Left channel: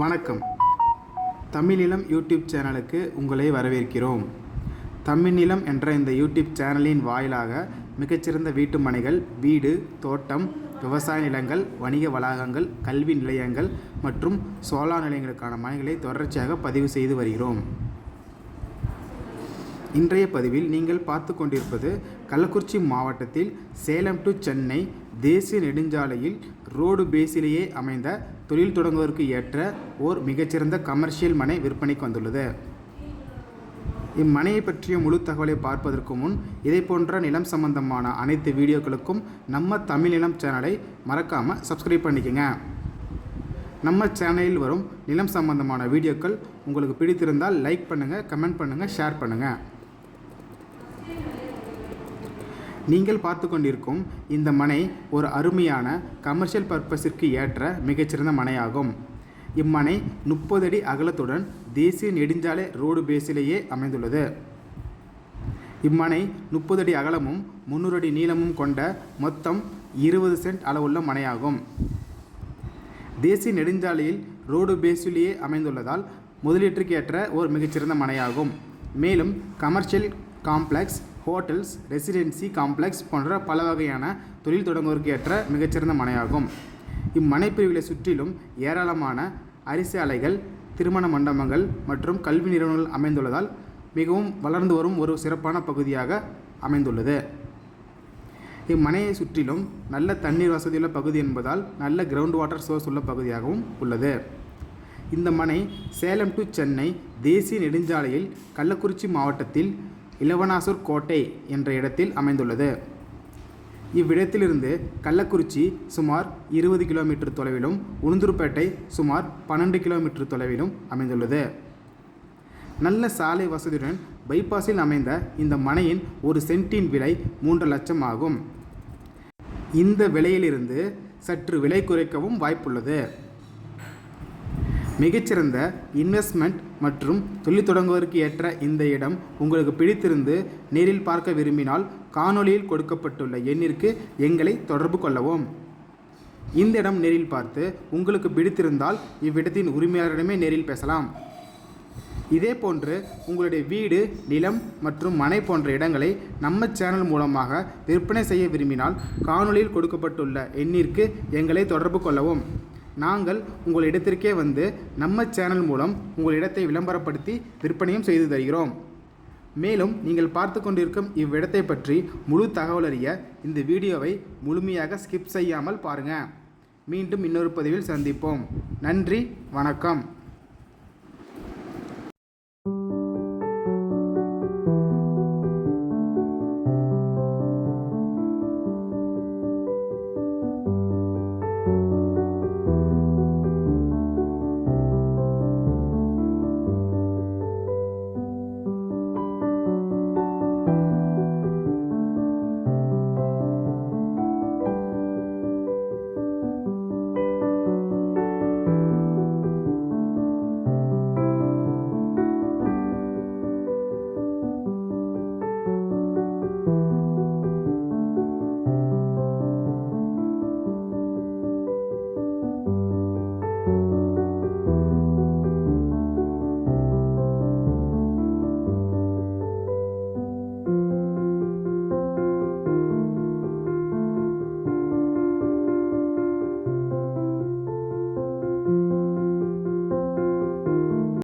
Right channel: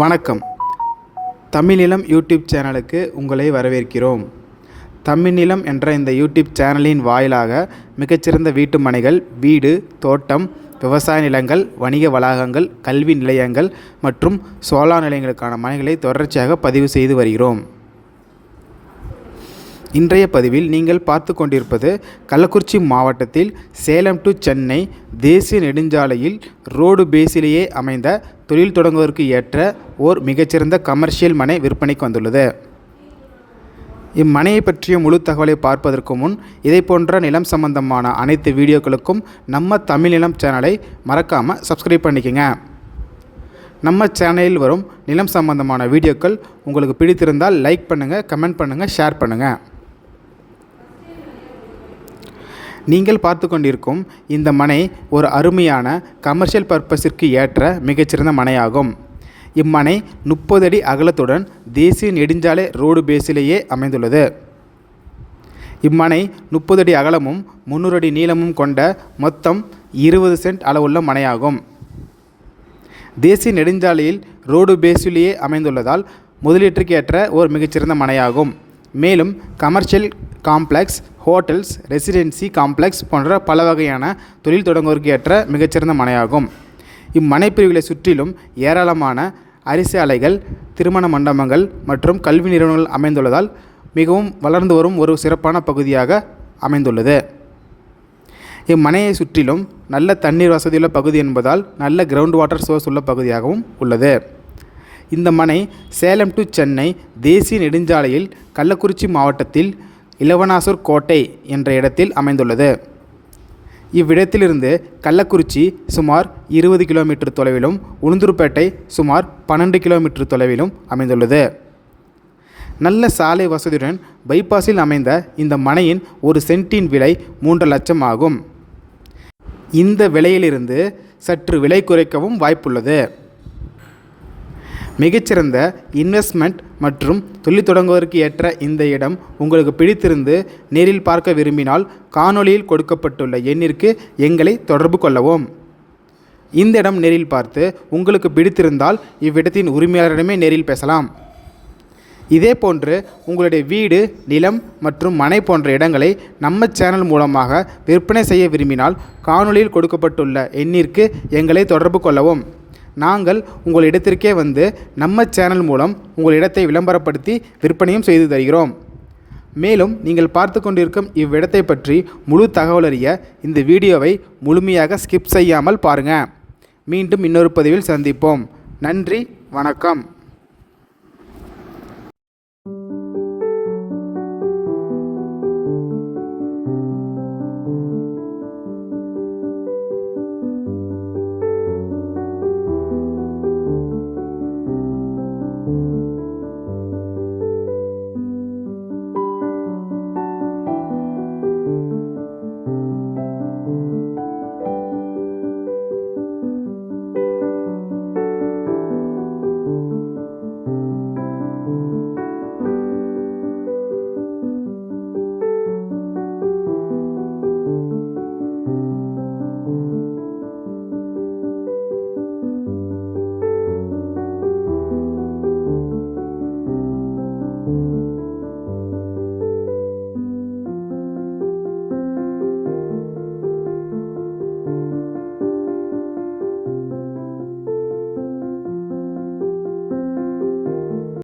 வணக்கம். தமிழ்நிலம் யூடியூப் சேனலுக்கு உங்களை வரவேற்கிறோம். தமிழ்நிலம் என்ற இந்த யூடியூப் சேனலின் வாயிலாக மிகச்சிறந்த வீட்டு மனைகள், வீடு, தோட்டம், விவசாய நிலங்கள், வணிக வளாகங்கள், கல்வி நிலையங்கள் மற்றும் சோலார் நிலையங்களுக்கான மனைகளை தொடர்ச்சியாக பதிவு செய்து வருகிறோம். இன்றைய பதிவில் நீங்கள் பார்த்து கொண்டிருப்பது கள்ளக்குறிச்சி மாவட்டத்தில் சேலம் டு சென்னை தேசிய நெடுஞ்சாலையில் ரோடு பேஸிலேயே அமைந்த தொழில் தொடங்குவதற்கு ஏற்ற ஓர் மிகச்சிறந்த கமர்ஷியல் மனை விற்பனைக்கு வந்துள்ளது. இம்மனையை பற்றிய முழு தகவலை பார்ப்பதற்கு முன் இதை போன்ற நிலம் சம்பந்தமான அனைத்து வீடியோக்களுக்கும் நம்ம தமிழ் நிலம் சேனலை மறக்காமல் சப்ஸ்கிரைப் பண்ணிக்கங்க. நம்ம சேனலில் வரும் நிலம் சம்பந்தமான வீடியோக்கள் உங்களுக்கு பிடித்திருந்தால் லைக் பண்ணுங்கள், கமெண்ட் பண்ணுங்கள், ஷேர் பண்ணுங்கள். நீங்கள் பார்த்து கொண்டிருக்கும் இந்த மனை ஒரு அருமையான கமர்ஷியல் பர்பஸிற்கு ஏற்ற மிகச்சிறந்த மனையாகும். இம்மனை 30 அடி அகலத்துடன் தேசிய நெடுஞ்சாலை ரோடு பேஸிலேயே அமைந்துள்ளது. இம்மனை 30 அடி அகலமும் 300 அடி நீளமும் கொண்ட மொத்தம் 20 சென்ட் அளவுள்ள மனையாகும். தேசிய நெடுஞ்சாலையில் ரோடு பேஸிலேயே அமைந்துள்ளதால் முதலீட்டுக்கு ஏற்ற ஒரு மிகச்சிறந்த மனையாகும். மேலும் commercial complex, hotels, residency complex போன்ற பல வகையான தொழில் தொடங்குவதற்கு ஏற்ற மிகச்சிறந்த மனையாகும். இம்மனை பிரிவுகளை சுற்றிலும் ஏராளமான அரிசி ஆலைகள், திருமண மண்டபங்கள் மற்றும் கல்வி நிறுவனங்கள் அமைந்துள்ளதால் மிகவும் வளர்ந்து வரும் ஒரு சிறப்பான பகுதியாக அமைந்துள்ளது. இம்மனையை சுற்றிலும் நல்ல தண்ணீர் வசதியுள்ள பகுதி என்பதால் நல்ல கிரவுண்ட் வாட்டர் சோர்ஸ் உள்ள பகுதியாகவும் உள்ளது. இந்த மனை சேலம் டு சென்னை தேசிய நெடுஞ்சாலையில் கள்ளக்குறிச்சி மாவட்டத்தில் இளவனாசூர் கோட்டை என்ற இடத்தில் அமைந்துள்ளது. இவ்விடத்திலிருந்து கள்ளக்குறிச்சி சுமார் 20 கிலோமீட்டர் தொலைவிலும், உளுந்தூர்பேட்டை சுமார் 12 கிலோமீட்டர் தொலைவிலும் அமைந்துள்ளது. நல்ல சாலை வசதியுடன் பைபாஸில் அமைந்த இந்த மனையின் ஒரு சென்ட்டின் விலை 3 லட்சம் ஆகும். இந்த விலையிலிருந்து சற்று விலை குறைக்கவும் வாய்ப்புள்ளது. மிகச்சிறந்த இன்வெஸ்ட்மெண்ட் மற்றும் தொழில் தொடங்குவதற்கு ஏற்ற இந்த இடம் உங்களுக்கு பிடித்திருந்து நேரில் பார்க்க விரும்பினால் காணொளியில் கொடுக்கப்பட்டுள்ள எண்ணிற்கு எங்களை தொடர்பு கொள்ளவும். இந்த இடம் நேரில் பார்த்து உங்களுக்கு பிடித்திருந்தால் இவ்விடத்தின் உரிமையாளரிடமே நேரில் பேசலாம். இதே போன்று உங்களுடைய வீடு, நிலம் மற்றும் மனை போன்ற இடங்களை நம்ம சேனல் மூலமாக விற்பனை செய்ய விரும்பினால் காணொளியில் கொடுக்கப்பட்டுள்ள எண்ணிற்கு எங்களை தொடர்பு கொள்ளவும். நாங்கள் உங்கள் இடத்திற்கே வந்து நம்ம சேனல் மூலம் உங்கள் இடத்தை விளம்பரப்படுத்தி விற்பனையும் செய்து தருகிறோம். மேலும் நீங்கள் பார்த்து கொண்டிருக்கும் இவ்விடத்தை பற்றி முழு தகவல் அறிய இந்த வீடியோவை முழுமையாக ஸ்கிப் செய்யாமல் பாருங்கள். மீண்டும் இன்னொரு பதிவில் சந்திப்போம். நன்றி, வணக்கம்.